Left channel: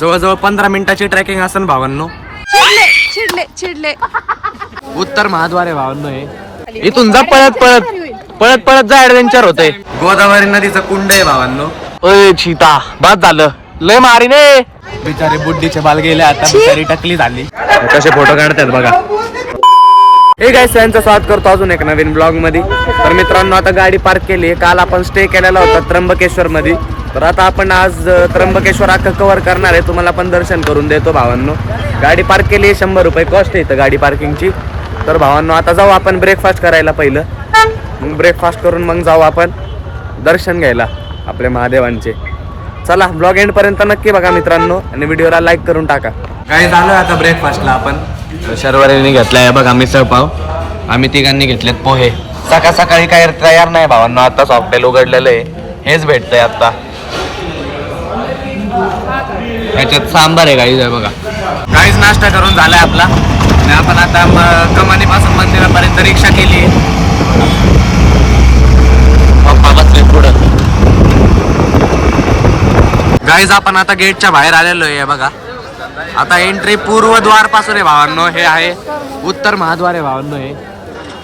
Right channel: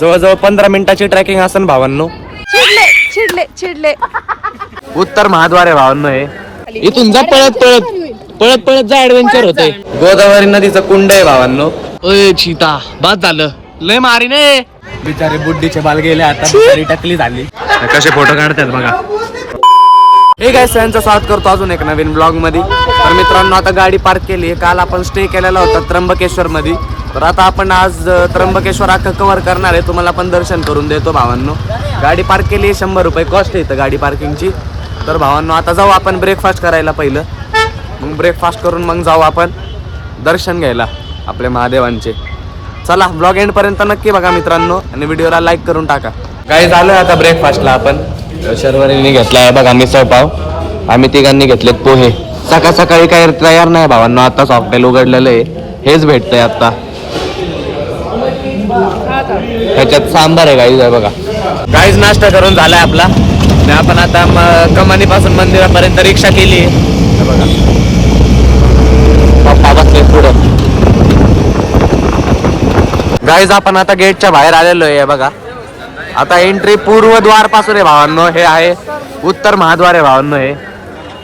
जवळजवळ 15 मिनिटाची ट्रॅकिंग असेल भावांनो. चिडले चिडले चिडले. उत्तर महाद्वार आहे भावांनो हे. इथून जा पळत पळत पळत पळत जा, ऍडव्हेंचर होतंय. गोदावरी नदीचं कुंड आहे भावांनो. ओय चिता बाद झालं, लय मारी ने बिचारे बुड्डीचे बाल गेले, आता बिचारी टकली झाली. कसे फोटो काढतात बघा. हे गाइस, यांचं स्वागत करतो अजून एक नवीन ब्लॉग मध्ये. तर मित्रांनो, आता गाडी पार्क केली. काल आपण स्टे केलेला होता त्र्यंबकेश्वर मध्ये. तर आता आपण आज त्र्यंबकेश्वर अख्खं कव्हर करणार आहे. तुम्हाला पण दर्शन करून देतो भावांनो. गाडी पार्क केली, 100 रुपये कॉस्ट आहे इथं गाडी पार्किंगची. तर भावांनो, आता जाऊ आपण ब्रेकफास्ट करायला पहिलं. मग ब्रेकफास्ट करून मग जाऊ आपण दर्शन घ्यायला आपल्या महादेवांचे. चला, ब्लॉग एंड पर्यंत नक्की बघा मित्रांनो, आणि व्हिडिओला लाईक करून टाका. काय झालं आता ब्रेकफास्टला आपण शर्वरीने घेतलाय बघा मिसळ पाव. आम्ही तिघांनी घेतलेत पोहे. सकाळ सकाळी काय तयार नाही भावांनो, आताच हॉटेल उघडलेलं आहे, हेच भेटतंय आता. ह्याच्यात सांबार आहे गाईज, बघा गाईज. नाश्ता करून झालाय आपला, आणि आपण आता कमानी पासून मंदिरापर्यंत रिक्षा केली आहे बघा. पप्पा बसले पुढं. गाईज, आपण आता गेटच्या बाहेर आलेलो आहे बघा. आता एंट्री पूर्व द्वार पासून आहे भावांनो. हे आहे उत्तर महाद्वार आहे भावांनो हे.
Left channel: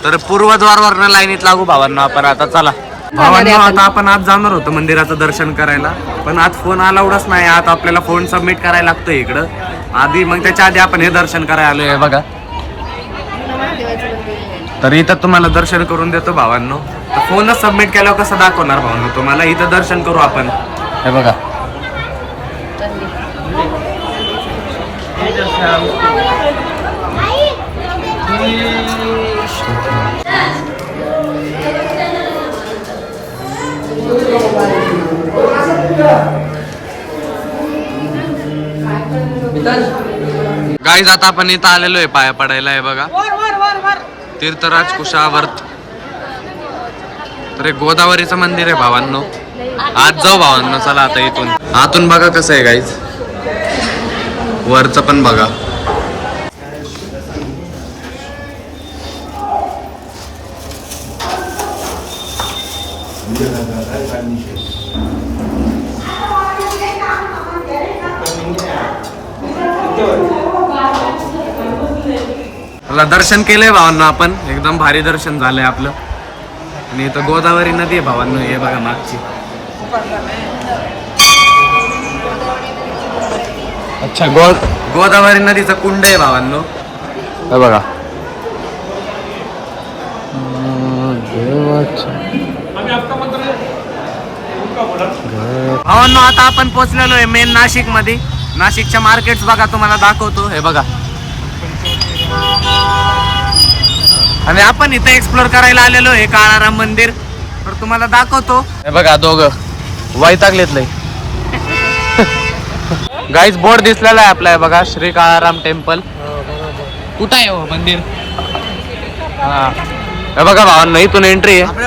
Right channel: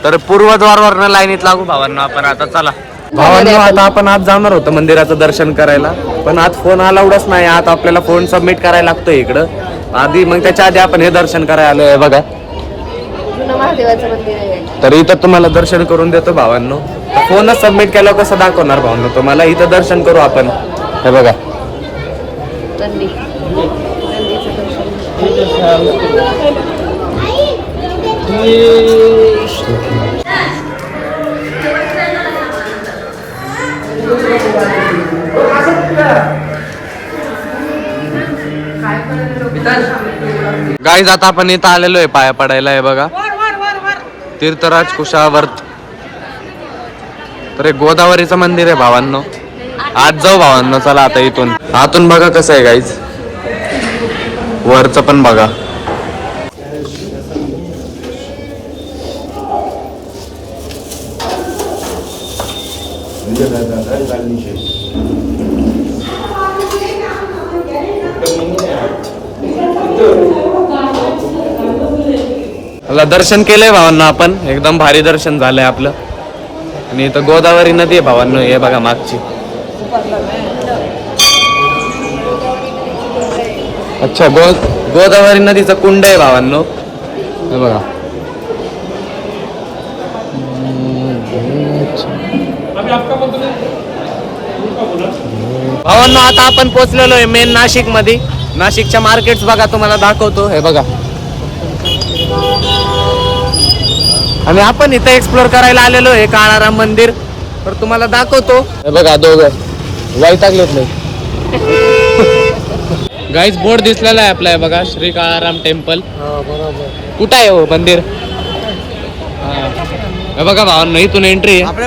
तर पूर्व द्वारवरनं लाईनीत लागू भावांनो आपण. आता चला भावांनो, आता आपण आज जाणार होतो मंदिराचं दर्शन करायला, पण आज फोन अलाउडच नाही. आता आपल्याला फोन सबमिट करायला लागतोय इकडं आधी, मग त्याच्या आधी आपण हे दर्शन करायला आलोय बघा. तर इथं तुम्हाला दर्शन करून देतो भावांनो. फोनच सबमिट केल्यावर कसं दाखवणार भावांनो तुम्हाला. इथं दर्शन करू आपण. हे बघा, गाईज आता आपण इथं आलेलो आहे पाया पडायला. आहे बघा तीर्थराज कुशावर्त. तर हे गोदावरीचं मंदिर आहे भावांनो. आज जाऊ भावांनो, चला आता इथून. आतून बघा कसं आहे गाईज, वरचं पण बघा. दर्शन केलंय भावांनो आपण, एकदम भारी दर्शन झालंय आपलं. आणि इथं गोदावरी नदी आहे भावांनो, हे बघा मागची. अच्छा, गोदावरी नदीचं कुंड आहे भावांनो, हे बघा. भावांनो, आता आपण पोहोचलेलो आहे मेन नाशिक मध्ये. नाशिकच्या मार्केट्स बघा, तुम्हाला दाखवतो. हे बघा, आणि आपण इथं एक्सप्लोर करायला आलेलो आहे काळाराम मंदिर. तर तुम्हाला दाखवतो. हे बघा, दोघं वैतागलेत नाही. गाईज, बोर्ड दिसलेला आहे आपला. बघा, श्री काळाराम टेम्पल. कुठं आहे हो मंदिर? हा, हे बघा भावांनो, इथून एंट्री आहे.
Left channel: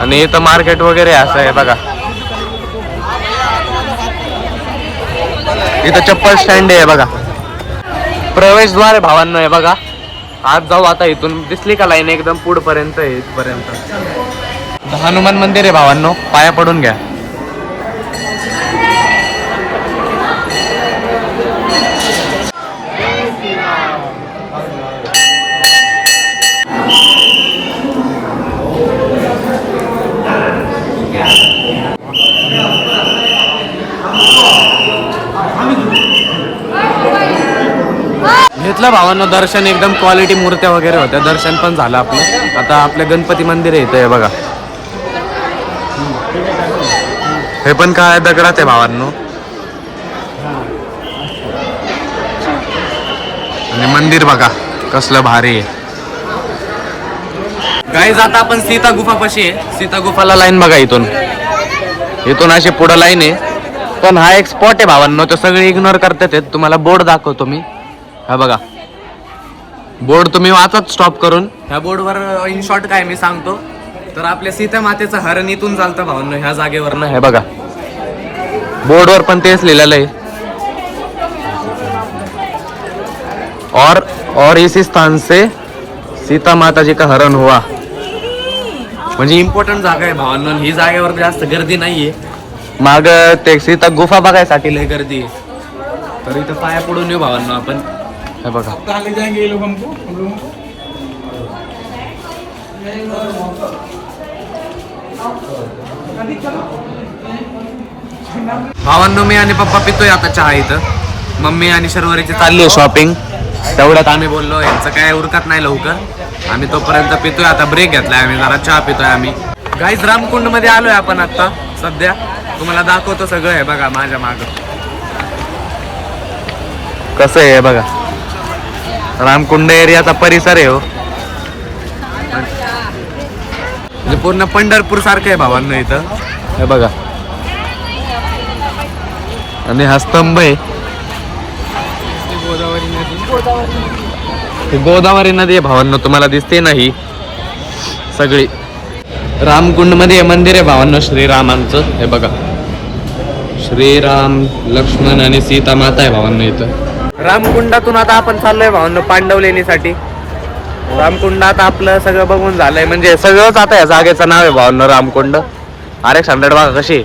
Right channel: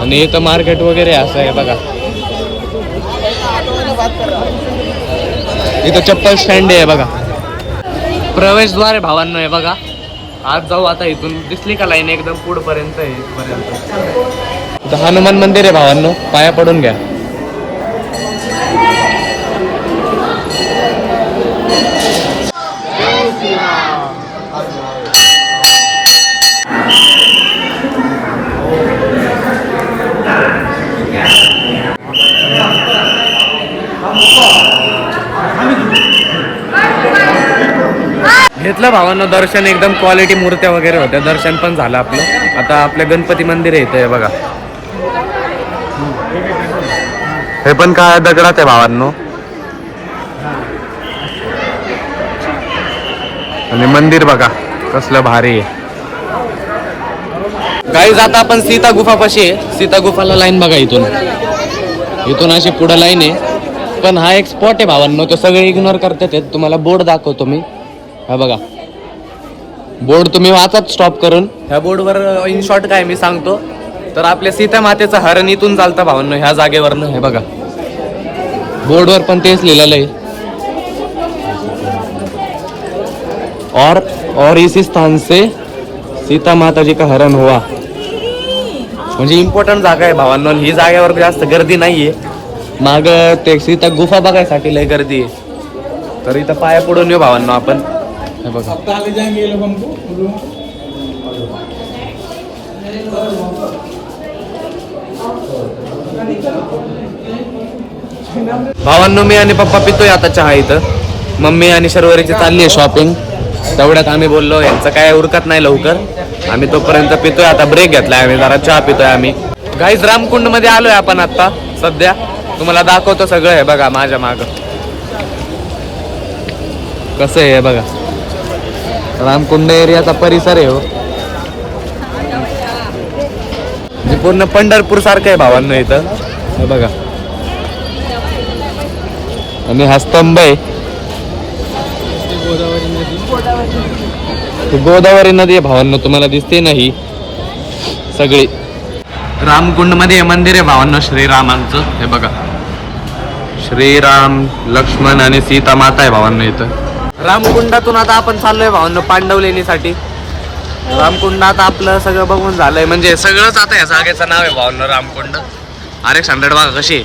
आणि इथं मार्केट वगैरे असं आहे बघा. इथं चप्पल स्टँड आहे बघा. प्रवेशद्वार आहे भावांनो, हे बघा. आज जाऊ आता इथून. दिसली का लाईन एकदम पुढपर्यंत आहे इथपर्यंत. हनुमान मंदिर आहे भावांनो, पाया पडून घ्या. घेतलं भावांनो दर्शन, एकदम क्वालिटी मूर्त्या वगैरे होत्या. दर्शन पण झालं आपलं. आता आपल्या गणपती मंदिर येतंय बघा. हे पण काय दगडात आहे भावांनो. आणि मंदिर बघा कसलं भारी आहे. गाईज, आता आपण सीता गुफापाशी आहे. सीता गुफाला लाईन बघा. इथून अशी पुढं लाईन आहे. पण हा एक स्पॉट आहे भावांनो, तो सगळे इग्नोर करतात. तुम्हाला बोर्ड दाखवतो मी. हा बघा, बोर्ड तुम्ही वाचत स्टॉप करून. ह्या बोर्डवर इन शॉर्ट काय मी सांगतो. तर आपल्या सीता मातेचं हरण इथून चालतं भावांनो, ह्या जागेवरनं. हे बघा, बोर्डवर पण तेच लिहिलेलं आहे. और इसी स्थान से सीता माता जी का हरण हुआ. म्हणजे इम्पॉर्टंट जागा आहे भावांनो. ही जागेवर जास्त गर्दी नाहीये. माग ते सीता गुफा बघायसाठी लय गर्दी आहे. तर इथं पाया पडून येऊ भावांनो आपण. हे बघा भावांनो, मी आणि पप्पा पितोय आता चहा इथं. मम्मी आणि शर्वरीची चालली आहे शॉपिंग. तेवढ्यात आम्ही बोललो यांचं काय उरकत नाही लवकर, आम्ही तोपर्यंत पितोय. आता ब्रेक घेतलाय आम्ही, जरा चहा पितोय आम्ही. गाईज रामकुंड मध्ये आलोय आपण आता सध्या. तुम्हाला दाखवतो सगळं. आहे बघा माझ्या माग कसं आहे बघा. रामकुंड एरियाचा परिसर आहे हो. म्हणजे पूर्ण पंढरपूर सारखं आहे भावांनो इथं. हे बघा आणि हा स्तंभ आहे. गोदावरी नदी आहे भावांनो, तुम्हाला दिसते नाही सगळी. रामकुंड मध्ये मंदिर आहे भावांनो श्रीरामांचं. हे बघा श्रीराम, लक्ष्मण आणि सीता माता आहे भावांनो इथं. रामकुंडातून आता आपण चाललोय भावांनो पांडवलेणीसाठी. रामकुंड आता आपलं सगळं बघून झालंय, म्हणजे सगळंच. आता या जागेचं नाव आहे भावांनो रामकुंड. RX 100 बघा कशी.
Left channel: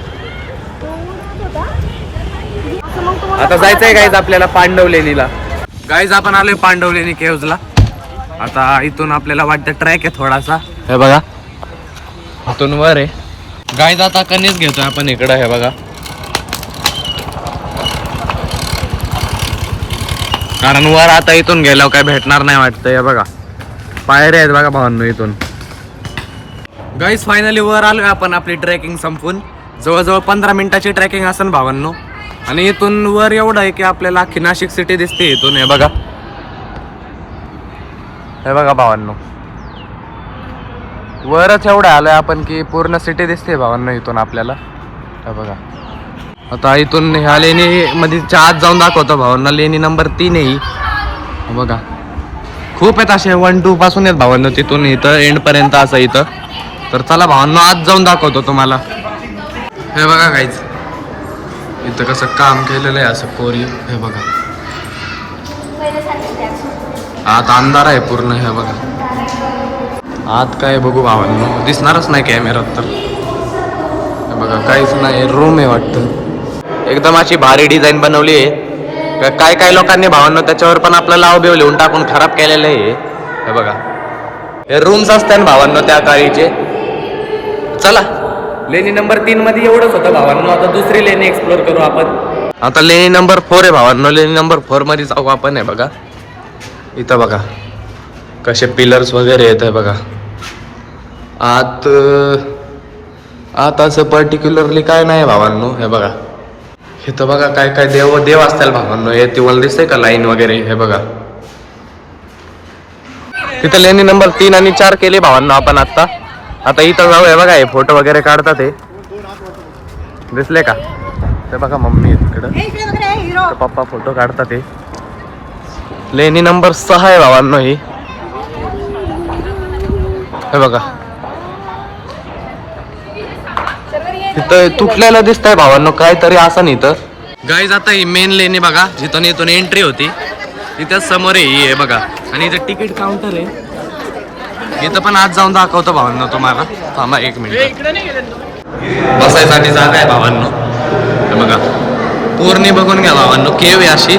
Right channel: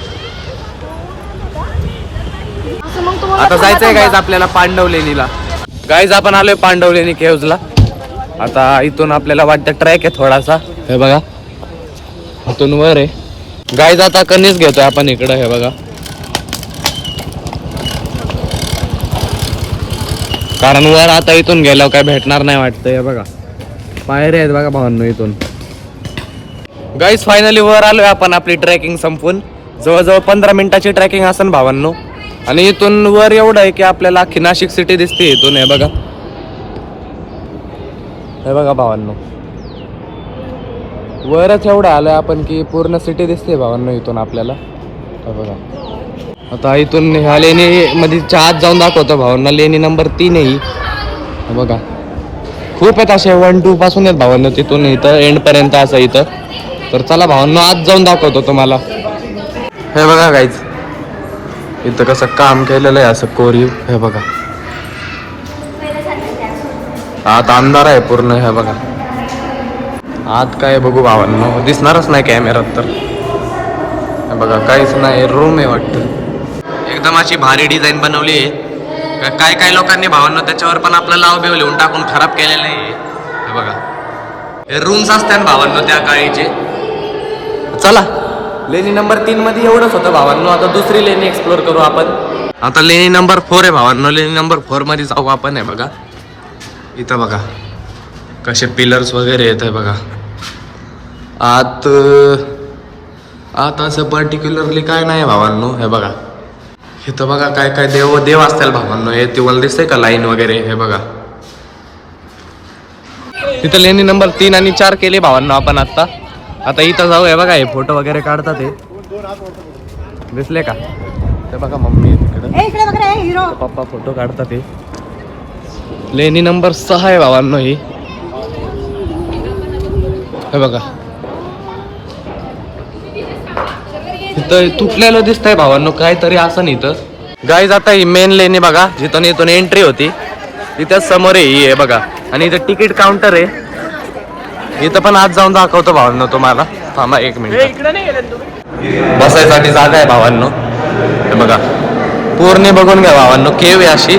आता जायचंय गाईज आपल्याला पांडवलेणीला. गाईज आपण आलोय पांडवलेणी केव्जला. आता इथून आपल्याला वाटतं ट्रॅक आहे थोडासा. हे बघा इथून वर आहे गाईज. आता कणीस घेतोय आपण इकडं. हे बघा कारण वर आता इथून गेल्यावर काय भेटणार नाही वाटतं. हे बघा पायऱ्या आहेत बघा भावांनो इथून. गाईज फायनली वर आलोय आपण. आपली ट्रेकिंग संपून जवळजवळ 15 मिनिटाची ट्रेकिंग असेल भावांनो. आणि इथून वर एवढं आहे की आपल्याला अख्खी नाशिक सिटी दिसते इथून. हे बघा, हे बघा भावांनो, वरच एवढं आलोय आपण की पूर्ण सिटी दिसते भावांनो इथून आपल्याला. हे बघा आता इथून ह्या लेणी मध्ये आत जाऊन दाखवतो भावांना. लेणी नंबर 3 आहे ही. हे बघा खूप आहेत असे 1, 2 पासून आहेत भावांनो तिथून इथं एंड पर्यंत असं इथं. तर चला भावांनो आत जाऊन दाखवतो तुम्हाला. हे बघा गाईज इथं कसं काम केलेलं आहे असं कोरीव. हे बघा आत अंधार आहे पूर्ण. हे बघा आत काय बघू भावांनो, दिसणारच नाही कॅमेरात तर. हे बघा काहीच नाही, रूम आहे वाटतं. एकदम अशी भारी डिझाईन बनवली आहे. काय काय लोकांनी भावांनो त्याच्यावर पण आपलं नाव बिव लिहून टाकून खराब केलेलं आहे. हे बघा हे रूम्स असतात भावांनो त्या काळीचे. चला लेणी नंबर 3 मध्ये एवढंच होतं भावांनो. आता दुसरी लेणी एक्सप्लोर करू आपण. आता लेणी नंबर 4 आहे भावांनो. लेणी नंबर 4 मध्ये जाऊ आपण. आहे बघा इथं बघा कसे पिलर्स वगैरे येत आहे बघा. आत असं पर्टिक्युलरली काय नाही भावांनो. हे बघा इथं बघा काय काय देव असतील भावांनो. हे तुम्हाला दिसतंय का लाईन वगैरे. हे बघा तिथं लेणी नंबर 3 आणि 4 केले भावांनो आपण आता. आता इथं जाऊ. हे बघा हे फोटो वगैरे काढतात. हे दिसले का. ते बघा मम्मी तिकडं, पप्पा फोटो काढतात. हे लेणी नंबर 6 आहे भावांनो ही. हे बघा इथं तुटलेलं दिसतंय भावांनो काहीतरी असं नाही. इथं गाईज आता ही मेन लेणी बघा जिथून इथून एंट्री होती तिथं समोर आहे बघा. आणि इथं तिकीट काउंटर आहे. इथं पण आज जाऊन दाखवतो भावांनो तुम्हाला. थांबा 1 मिनिट. बसायसाठी जागा आहे भावांनो. हे बघा पूर्ण बघून घ्या भावांनो. केव आहे अशी,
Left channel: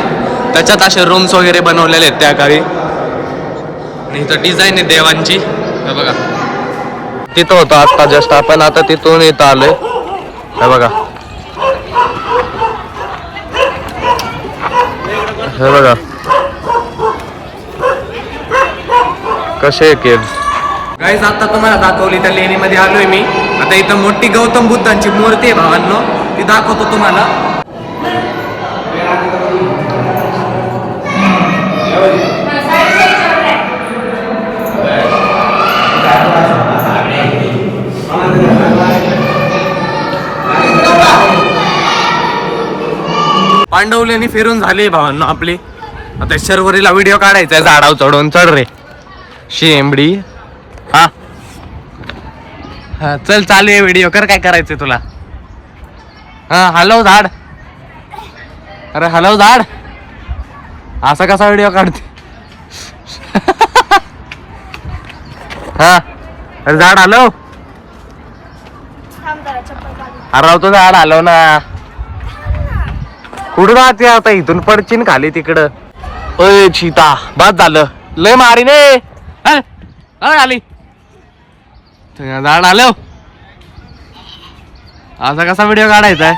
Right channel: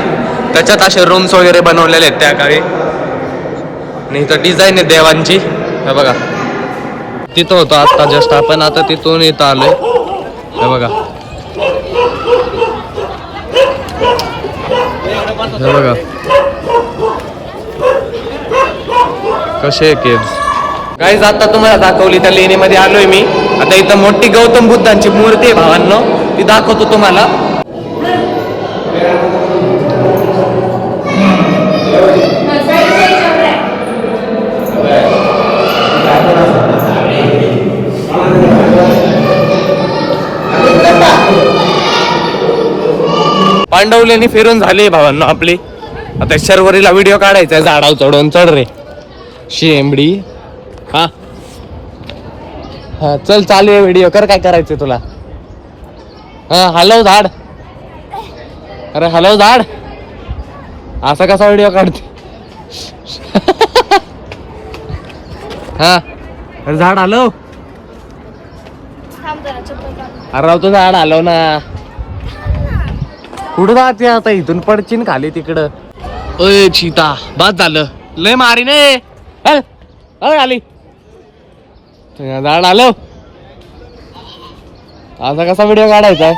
त्याच्यात असे रूम्स वगैरे बनवलेले आहेत त्या काळी. आणि इथं डिझाईन आहे देवांची. हे बघा तिथं होतं आता जस्ट आपण. आता तिथून इथं आलोय. हे बघा हे बघा कसे केव्स. गाईज आता तुम्हाला दाखवली त्या लेणीमध्ये आलोय मी. आता इथं मोठी गौतम बुद्धांची मूर्ती आहे भावांनो, ती दाखवतो तुम्हाला. पांडवलेणी फिरून झाली भावांनो आपली. आता शर्वरीला व्हिडिओ काढायचा आहे. झाडावर चढवून चढ रे शेंबडी. हा हा चल चालू आहे व्हिडिओ कर. काय करायचंय तुला. हा हलव झाड. अरे हलव झाड. असा कसा व्हिडिओ काढतो. हा अरे झाड हलव. थांब जरा चप्पल काढ. अरे राव तो झाड आलो ना. कुठं राहते आता इथून पडचीन खाली तिकडं. ओय चिता बाद झालं लय मारी ने खाली झाड आलं. असा कसा व्हिडिओ काढायचा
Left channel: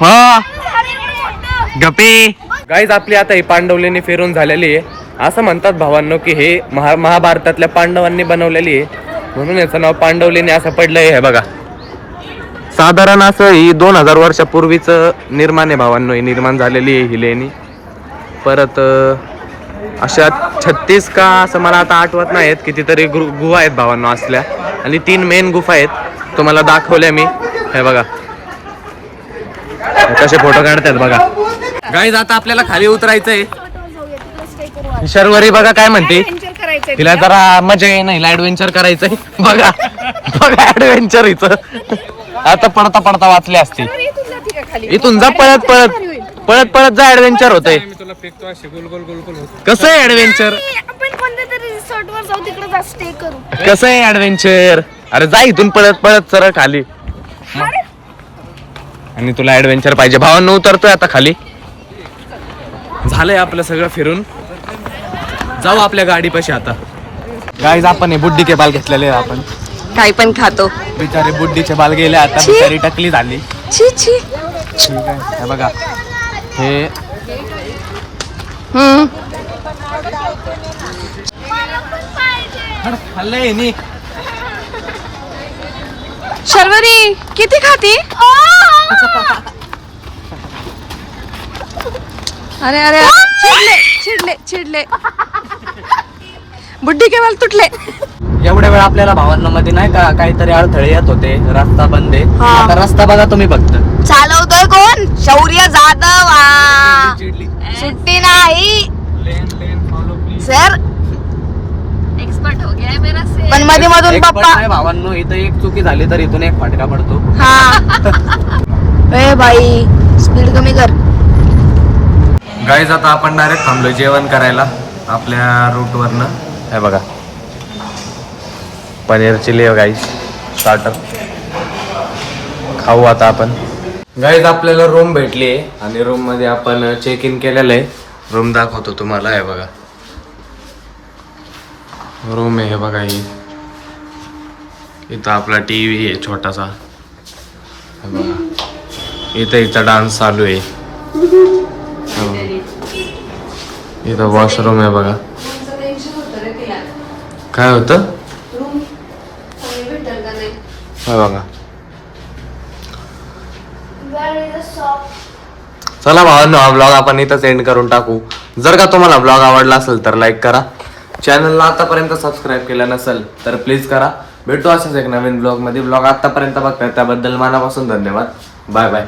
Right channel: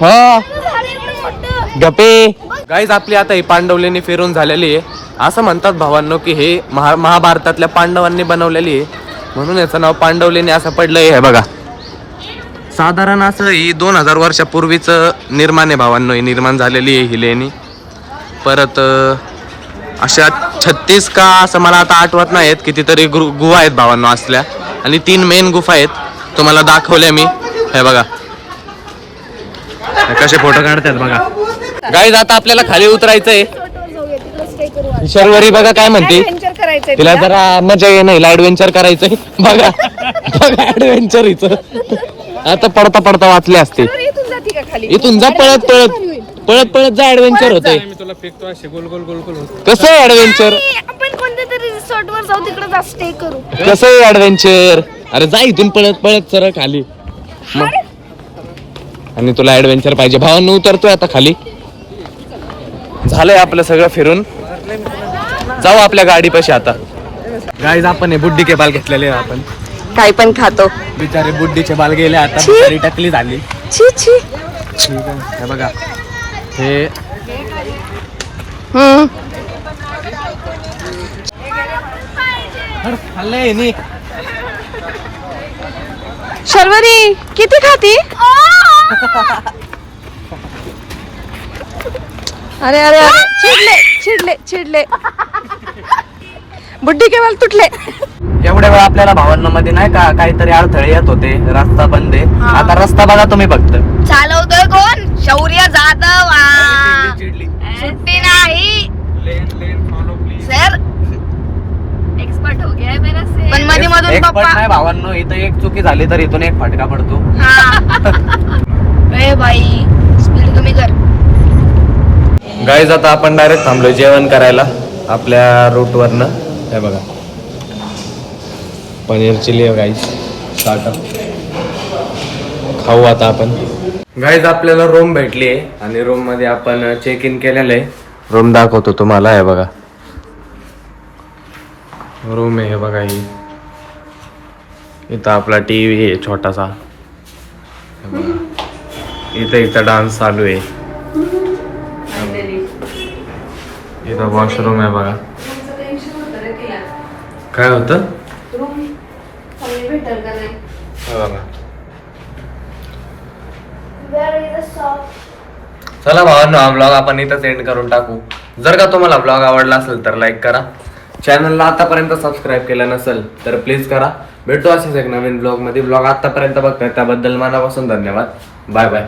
हा गपे. गाईज आपली आता ही पांडवलेनी फिरून झालेली आहे. असं म्हणतात भावांनो की हे महाभारतातल्या पांडवांनी बनवलेली आहे म्हणून याचं नाव पांडवलेनी असं पडलंय. हे बघा साधारण असं ही 2000 वर्षापूर्वीच निर्माण आहे भावांनो. ही निर्माण झालेली आहे ही लेणी. परत अशा 36 का असं मला आता आठवत नाहीत कितीतरी गुहा आहेत भावांनो असल्या. आणि 3 मेन गुफा आहेत तुम्हाला दाखवल्या मी. हे बघा कसे फोटो काढतात बघा. गाईज आता आपल्याला खाली उतरायचंय. शर्वरी बघा काय म्हणते तिला जरा मजा ये नाही ऍडव्हेंचर करायचंय. बघा बघा ऍडव्हेंचर इथं आता पडता पडता वाचलं असते. इथून जा पळत पळत पळत पळत जा ऍडव्हेंचर होतंय. कसं आहे ऍडव्हेंचर कसं आहे ऍडव्हेंचर. अरे जा इथून पळत पळत सरळ खाली. आणि तुला ऍडव्हेंचर पाहिजे भावांनो उतरतोय आता खाली. झालंय आपलं सगळं फिरून. जाऊ आपल्या गाडीपाशी आता. गाईज आपण हे बुड्डी के बाल घेतलेले आपण काही पण खातो. बिचारे बुड्डीचे बाल गेले आता बिचारी टकली झाली. छी छी. ठीक आहे हे बघा हे खाल्लंय नी. शर्वरी किती खाती. अरे अरे अरे चिडले चिडले चिडले. बुड्डी केवळ तुटले. एवढ्या वेळ आपल्याला भावांमध्ये नाही का काहीतरी अडथळे येत होते. रस्ता बंद आहे. आता रस्ता बघा तुम्ही फक्त. चालवतोय कोण शौर्य जाधव. सुट्टी नाही सर. एक्सपर्ट हो गया मेरा से. पण मध्ये मधून पप्पा भावांनो इथं एक चुकी झाली तर इथून एक फटका पडतो. ए भाई स्पीड कमी कर. गाईज आता आपण डायरेक्ट थांबलोय जेवण करायला आपल्या रूट वरनं. हे बघा पनीर चिली गाईज स्टार्टर खाऊ आता आपण. गाईज आपल्याला रूम भेटली आहे आणि रूम मध्ये आपण चेक इन केलेलं आहे. रूम दाखवतो तुम्हाला. हे बघा रूम आहे. हे बघा ही इथं आपला टीव्ही आहे छोटासा. हे बघा इथं डान्स चालू आहे. इथं वॉशरूम आहे बघा. काय होतं बघा. चला भावांनो हा ब्लॉग आपण इथं एंड करून टाकू. जर का तुम्हाला ब्लॉग आवडला असेल तर लाईक करा. चॅनलला आतापर्यंत सबस्क्राईब केलं नसेल तर प्लीज करा. भेटू असेच एक नवीन ब्लॉग मध्ये. ब्लॉग आतापर्यंत बघताय त्याबद्दल मनापासून धन्यवाद. Bye bye.